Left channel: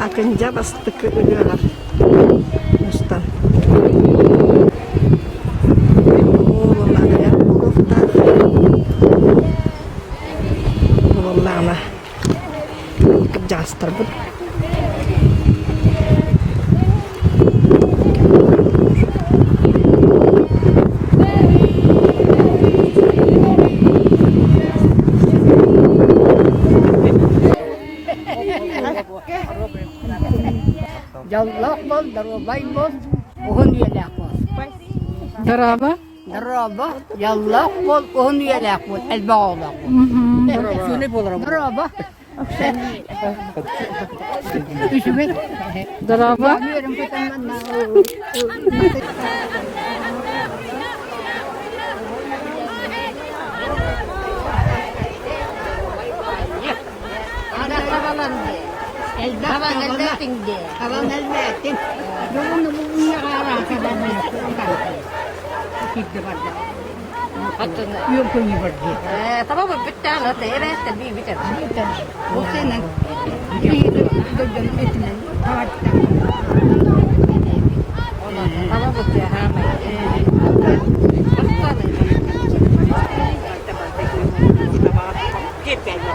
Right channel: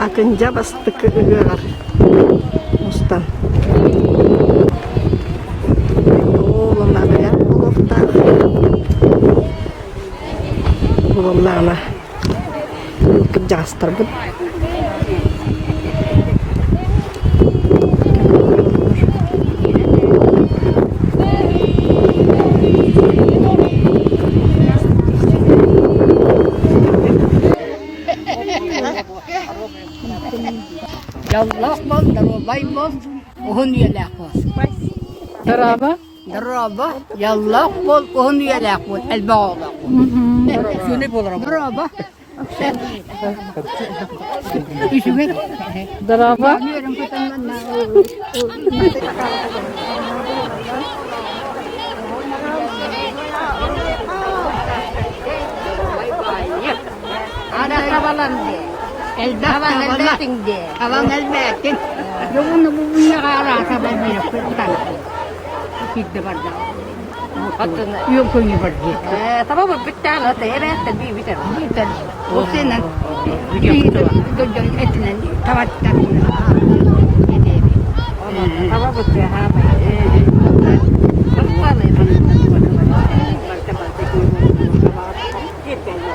Akınca bastık ığır. Mustan. Oğlumlar ya. Bulufta. Bulumlarına. Ülküp jastır bu. Yallah bol, darabay bol, ohun yelek bol. Daraba. Daraba, yallah bol, ohun yelek bol, elbağolak bol. Daraba. İşime. Daraba. Yürüm kutandan. Ada kabalan de. Kawan elbetin de. Kawan elbetin. Yung nabubunya ka ara kawan mo yung kutan. Higda barda. Yung kunyi bardi. Tama ba bitan o tere tabi bitan. Bitan. Usin nan. Bitan. Doon etinan. Tawat ka. Ini. Tama ba siya ha may. Basta na. Basta ko yung hit kayo.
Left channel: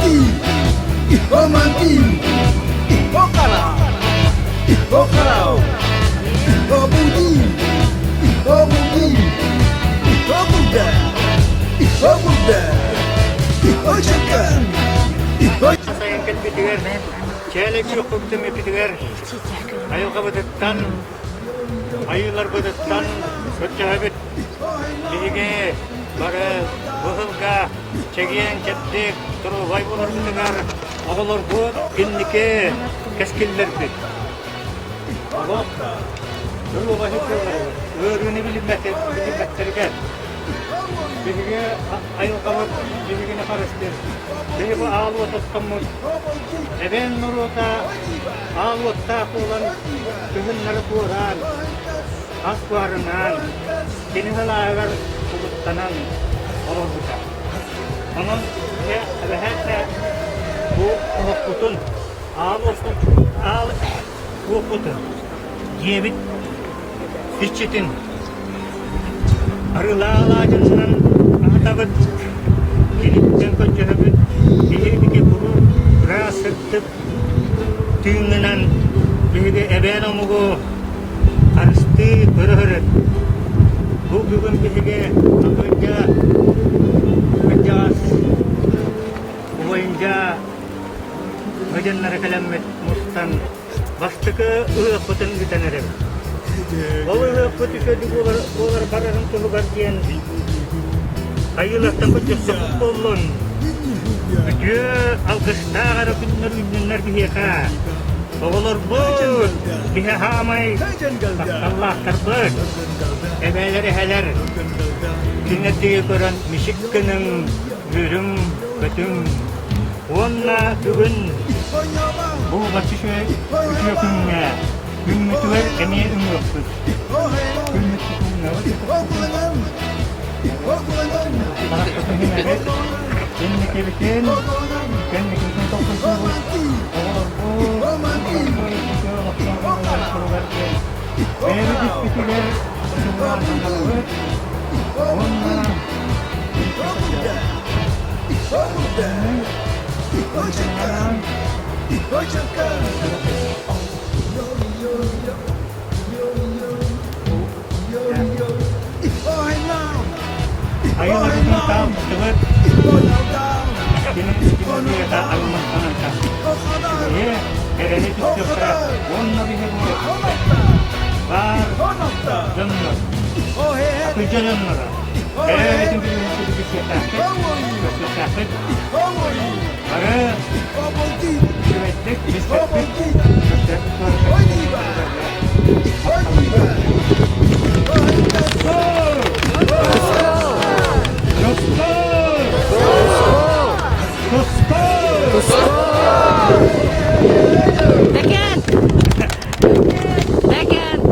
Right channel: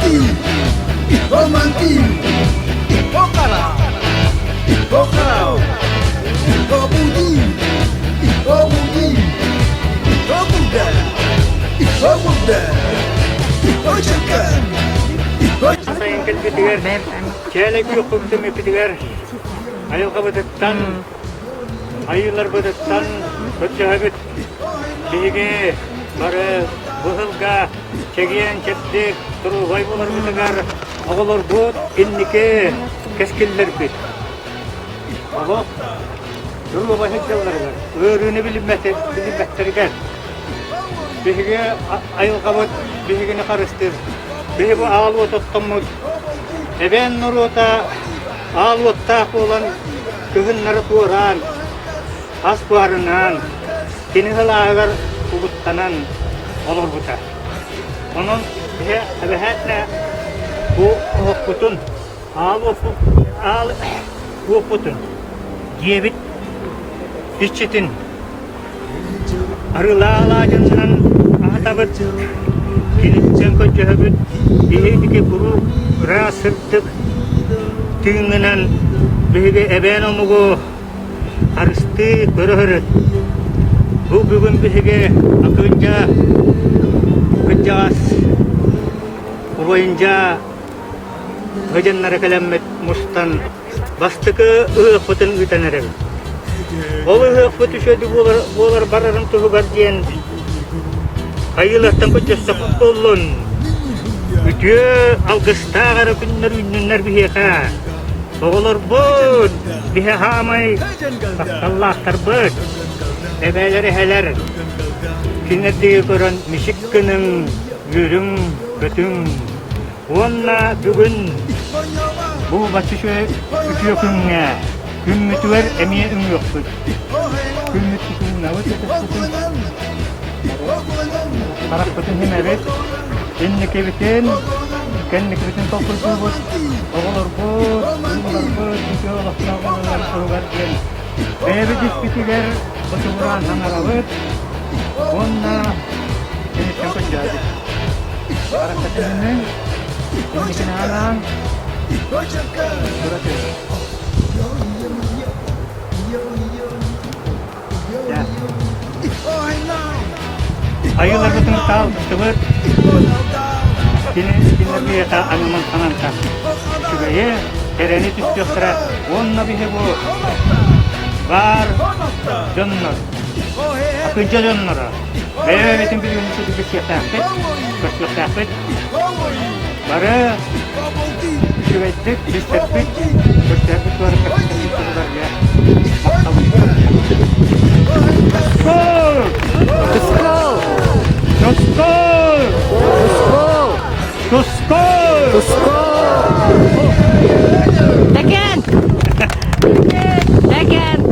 manti, iho manti, iho kala, iho kalau, iho budi, iho budi, iho Buddha, iho Buddha, iho Shankar, iho Sayın Ketbitiger, çeyrek yok komutum Ketbitiger, ayıl kabatıktan, ayılar batıktan, kötühabit, bilgi, barı, buhılga, çegiyen çeptik, turu vay bular bitiger, ağalar bud, innike, keskiller bit. Ağab, durma başı çevleri var, öğrünü bilinmekleri Bihiga ayıl kabat, bihigini karıştır. Bihi bu ağlı otottamut. Eben nurota, ağlı ottaq olan kızınları tuğran. As buharınan, denizal ağır uğuttanan olur buta. Onun bihe bu okutun, ağlı okutun. Diyebit, işçetin. Arıla ağacından ahtabıt, kilitten kötühabıt, bihidiki kuru rasırtıp, tüğüngünen bihide eben omugu karıştı köröhürüt. Bu bugün bihige akınca, kıcağız, boyunca vecenleri kalamet mustan, bastıkı ığık bıtın ütenerek. Oğlu kötüşedi bolar bararın tuhu gardiyan. Ayılardan kötüste futbolun. Ütü algısta gara günler biheka. Oğlar bud bihe hamay. Allah tarbud. Ebeleri heler. Kinettiği koran mişikkinin yürüm kötüm. Onna bugün bu batışı ütüyokünne. Gümmütüver emiye yoktur. Gümmütü kılına Barak bütün himevet, enlik evitin, kenlik evitin topun kubut, olur bu, çünkü Allah'tan Evi diskitiler, oturlar hanalıvet, onunla ayılar bütün tal kıvır. Kini bir ta alman kanan ta. Şuraya kereni tutuyorlar. Onunla bir bu. Var. Canlar. Akıncı canlara. Bütün bir yönüsü bir şey tapet. Bir şey tapet. Varı. Şüvettik. Bir sepet. Bir sepet var. Tusko! Backhand! Backhand!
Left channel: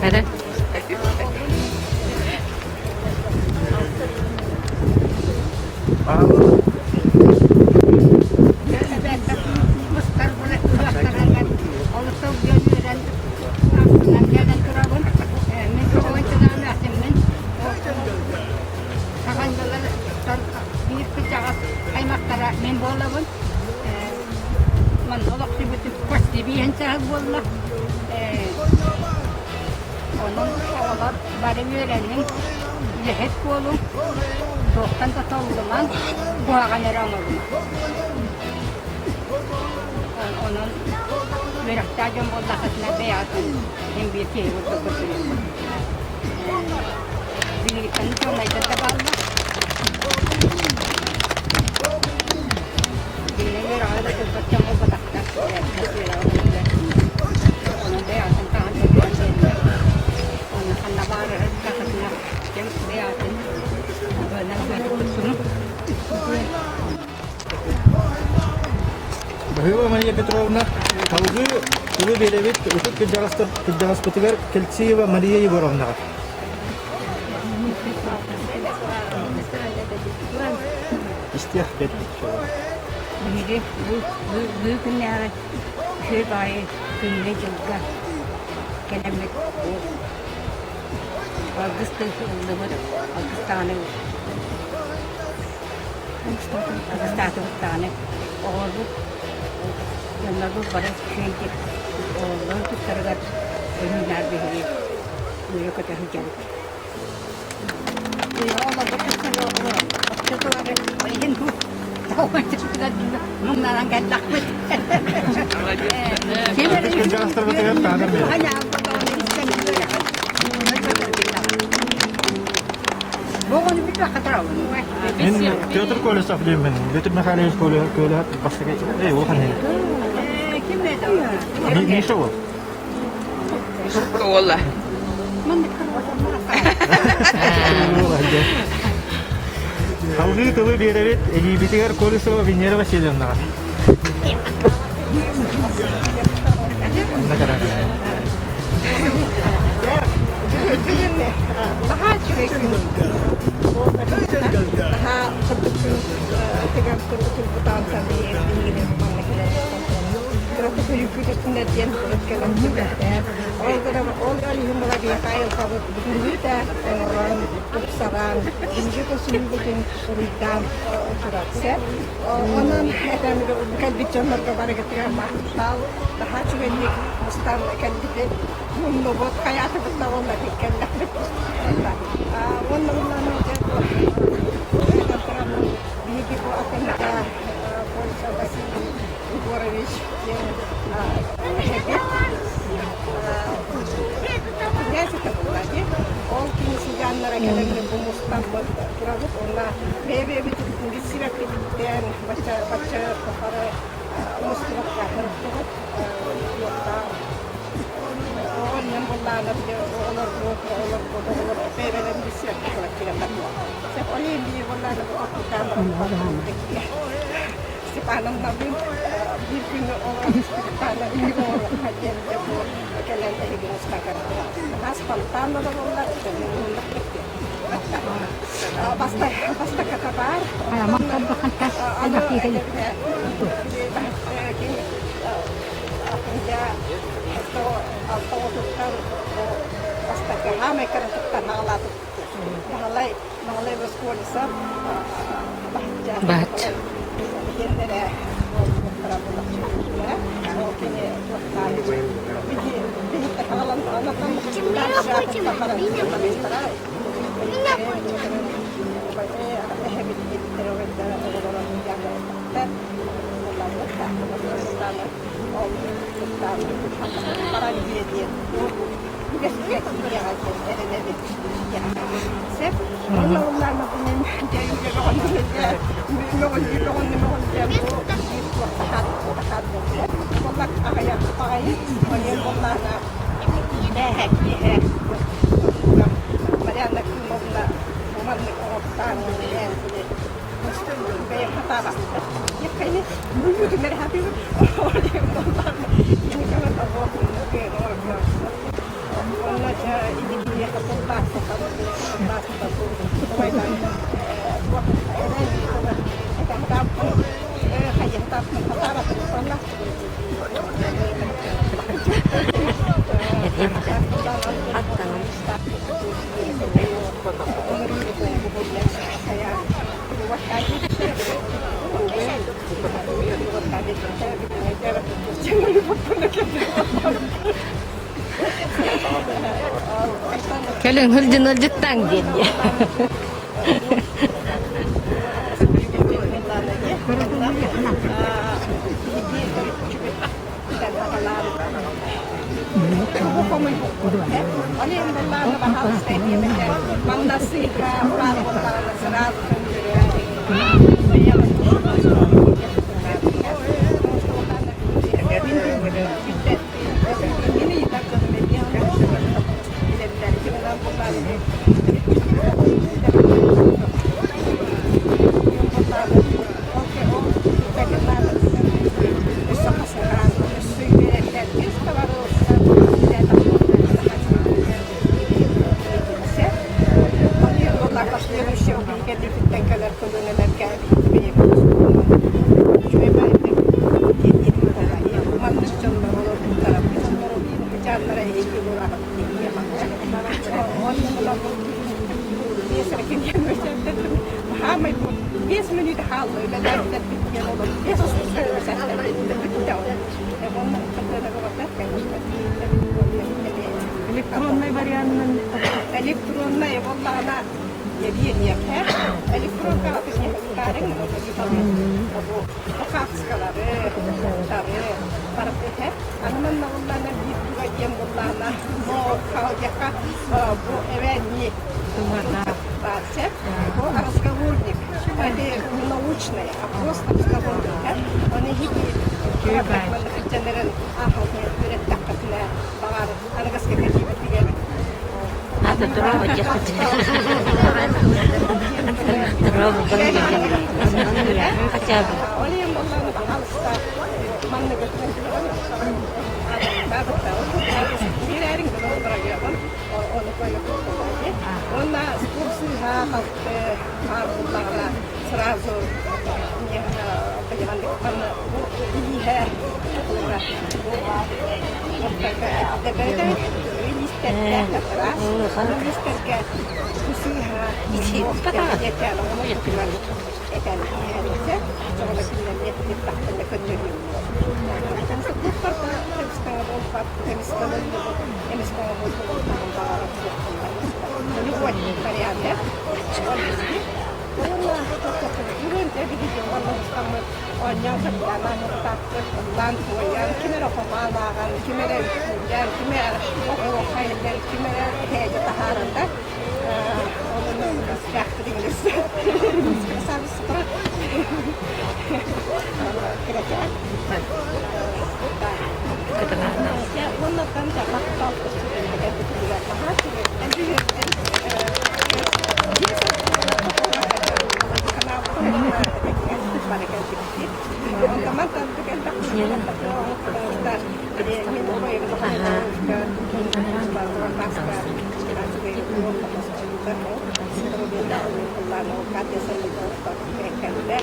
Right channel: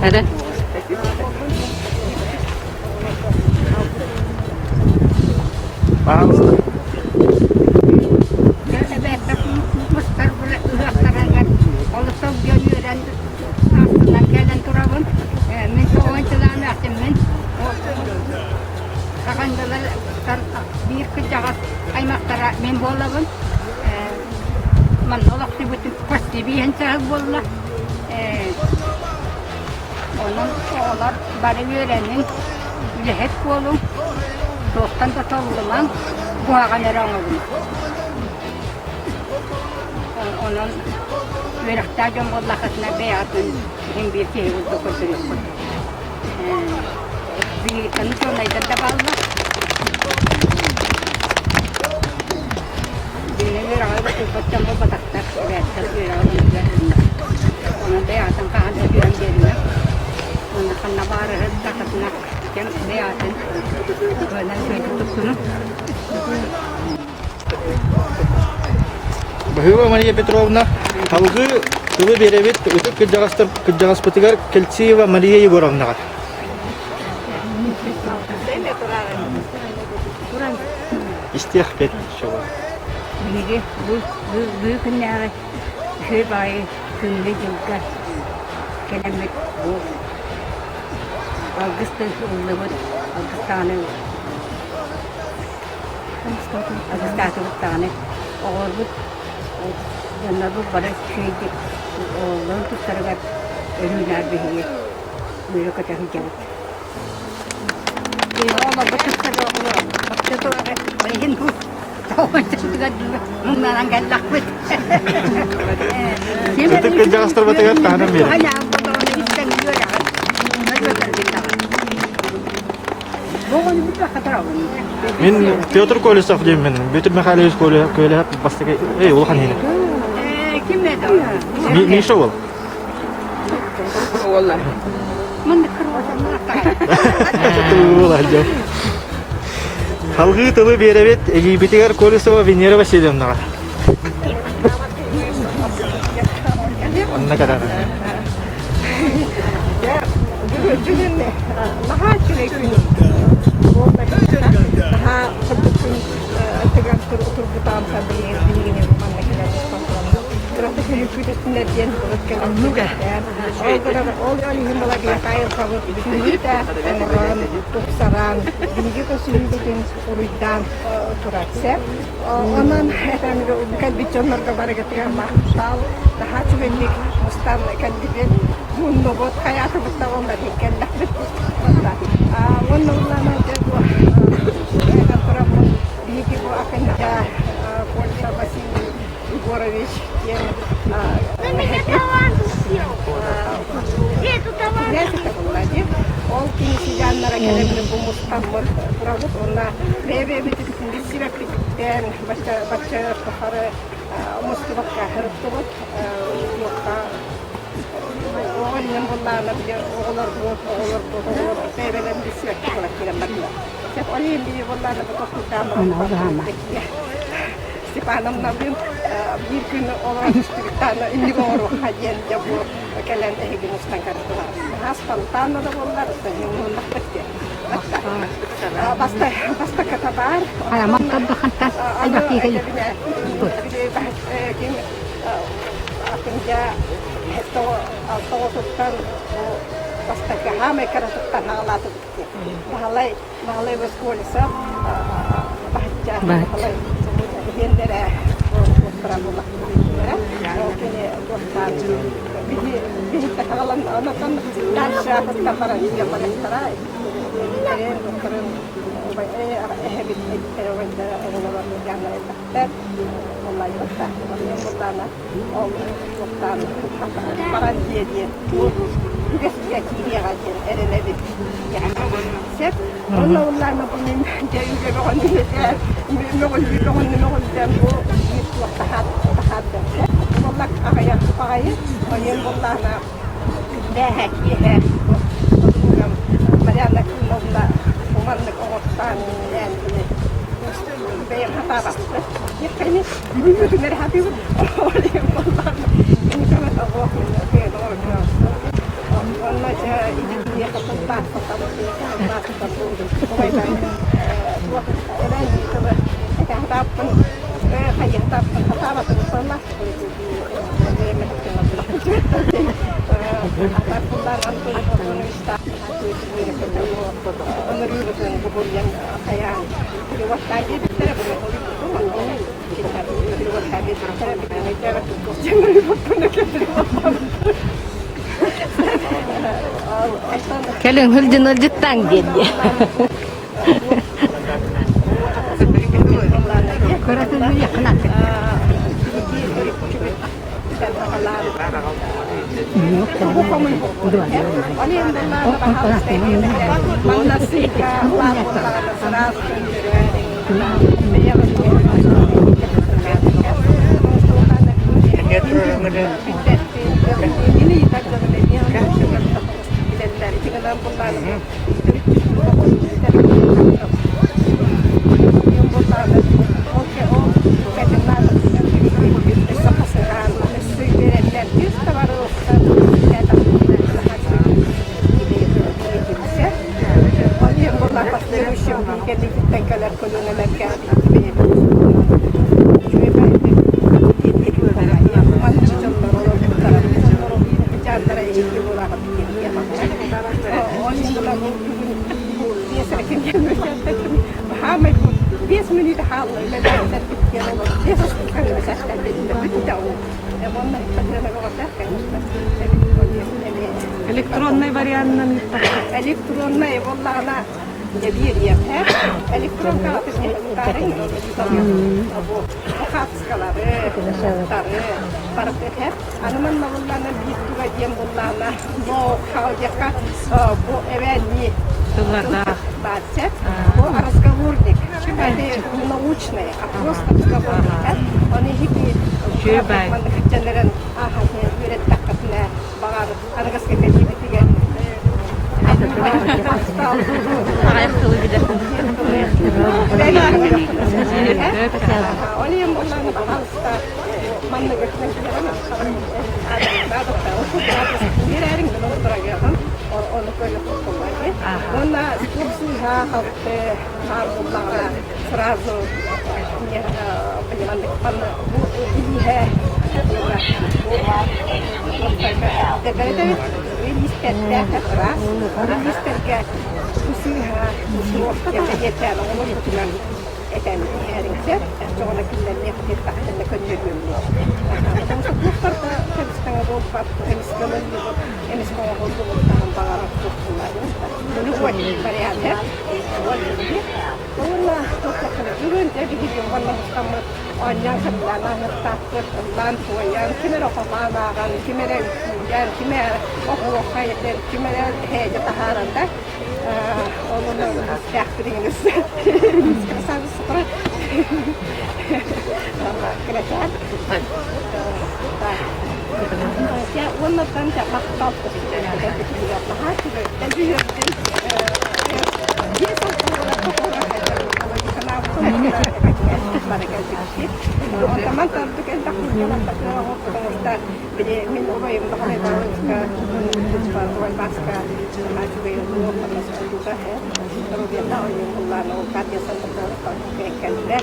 Hadi. Bir kıcağız kaymaktara men bolavın. Man olak bütün pasti bir hensel bolla. Onun oğlar bari öğrenin. Lehet bolun. Dostan da tolduman. Bu hakan eranılma. Onun veraktacan bollakasına beyatın. Hem bir kere oldu kötülük. Birlikten sonayda da bağlı. Birlikten veraktacan köpütten bu bataklar. Onun beyatın kahanda bir yerine. Onun kannabarı kakasına kem beyatın. Böyle böyle tutsunun. Bahıva Maria Petrovna halgı tılı berebet utuk kıcağıspıtıgar Keltsiyeva Maria Yegorovna. İstihbet şova. Biri bu günler şey bayi günde yılga gelemek bu. Ağustos'ta ulumat Ağustos'ta tane oğlum yanlar bu bana şeydi oğlum tutarlar önüler behiye böyle kadar hicabı oğlum bu tutarlar bakıyorlar ayın bu tavuk tutarlar bunlardan geldik Utuk kıcağıspıtıgar tanım beri. hala bu da onu istemiyor ya bugün bir kadar oldu. Мен театр колледжде оқыдым мен. Бүтін Михайлович колледжде бастығы. Ей, ол қандай? Kim ne diyor? Не шо ол? Мен de kırmızı Ол аджа. Халгы тылы беребет Египетигер Колесова Венера Васильевна. Ne kadar? Daha produkun tegar turbutan tabi bilgini memleketler İstanbul'da. Gerçekten hükümetinde diyen balıkların hükümetler. Ol yolun bala bir kayıp kabuk hükümete oran tuksaran bilgi koşulu bütün urudan turatse. Onun efendim kalbi canlarga barakatı mahsal daha çüvenlik mustan kalbi mundo bot hayatı butta onda tekeller. Wannan lana jago da program bigi ko akan da Polsa Vasily Igorovich yen happy neyse tabulladı ol kimisi canlara kelemle bu mustamur pravut ona bebe bitin disira kripten baca kahara mustafa kahara turut yokta oğlan bunlarla bile oğlar bu bebeden bir sürekli olarak giremez. Sep olayım bir bunlarla bu toplumdan Stepanım nabim bir gün olan bir tane ünlü olur hacıyınca bu kelende hepimizden karıştılar. Haspantanla da bunlar da yumruğuna bitti. Basta katabar. Ada bile akhirnya itu autobusan pasti kami karena tuttan halat itu bahalai bersekolah sab baca hindera berapa waktu ya mungkin tuttan bihi terhalang anak kan dan siapa kamar dia pada istirahat dokter hebit terwajib orang menjaga dokter والله وقتها اليوم وقتنا أو وقتنا برا الجديد وجس كثير يا رجال أنا نبي يعني سب والله نبني جاي نقول جنبه يطلع تحدث والله أخيا طاير واليوم والله أنا بهك بهك مريانا كنا ومنك أغطان الآن bayar harta ya kayaknya dulu tuh dari hati oleh Allah ini karena Allah punya orang warna ini dia ketupat kalau dia masuk ke baik ada ini coba kita harapkan kayak harapkan harap itu pernah Kalian hurjun tanggen ya. kendi fittenkeler kolyoneler geldi. Şöyle ben de etik olmayı, mandır canlar olur, bu tarafı canlar olur, yine canlara ilgi olarak yapmak. Onun da bu bir serkin gelmesi dedim. Muhammed bu 5 minut halı ile dertler bitiyor olur. 5 asıl kalır mesela bitti olur. Ya bunlar kadına bakar kendisine. Elektronlu variantının Elektronlu vallahi ana bir yapar. Elektron kağıtını yaparım. Bu kapskaları, tarı, farklı hep. Anamın vallahi bir duva diyem vallahi bu kağıtya bu eveni бацет, по разговорник, это научное, а просто разговорник. Они хиги, манхачанерен, верет такатне, багар, ангаска кади битиган. Олием болланы бахалста, манны гетнен Герерин гана отыраган, оны көйлөп койлган. Онда спортсыга халкы бар булларга сразу мне понимание манна бу илиһе булра. Вот так. Дебете вилистетте раз, вилистетке кусыга спортта жетер, оны күтүлөр. Eten herikse, sonra kimlerine hep tahtında kötülüyorum. Çünkü kurtarda hepsinden olmak, hepsinden olmak, hepsinden olmak tamam bağırıp kurtulmak. Bunu koyayım kariyerde. Ona tutakını görünce bir gün bana ustamı oynayan kapılarına muhtaçtır. Ondan koyan, kimere okumanağın, kimere yüküyen, kimere okuyakayırlar, kimere heyece taharında. Onun istihdamınız, sabit sıfır. Kerajaan. Ya, onlardan jangan tahu sudah ada juga tahap juga. Dan juga dia teman tentu kan tak kita jadi minum yang bahan kita bawa masker juga yang dua termasuk juga ya terus dia tahu yang Allah mau kasih sampai kalau kaikan deh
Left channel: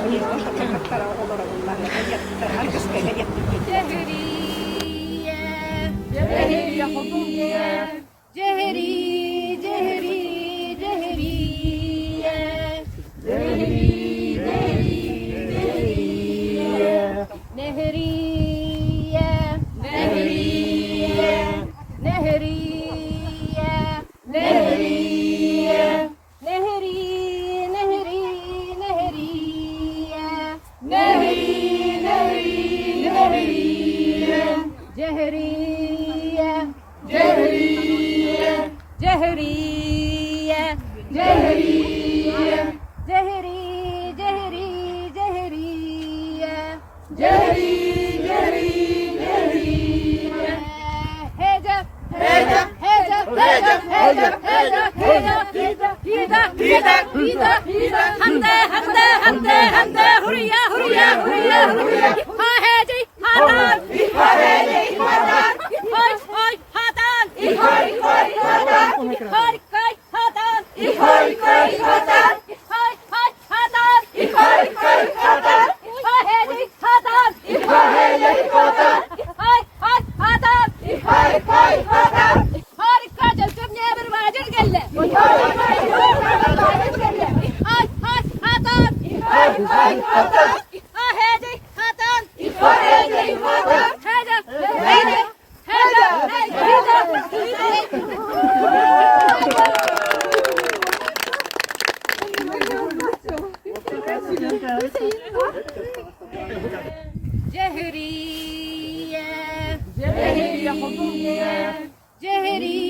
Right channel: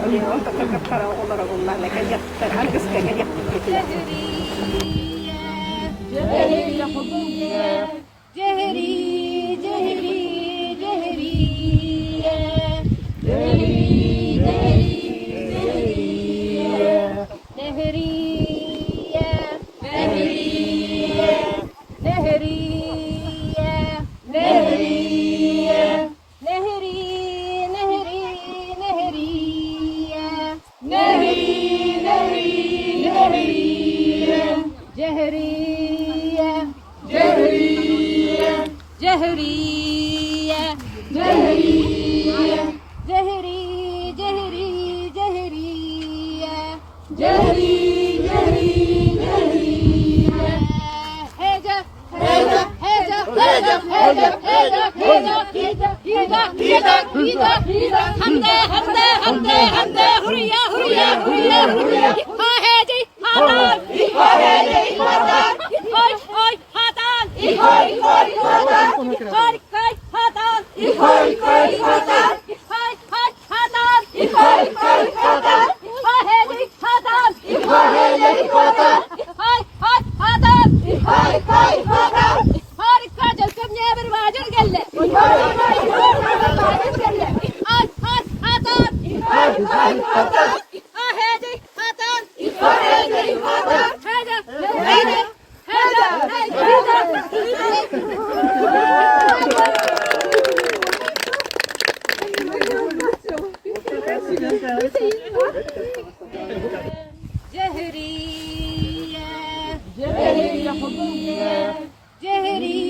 jadi untuk terkapar Allah nak terangkus kayak Jehri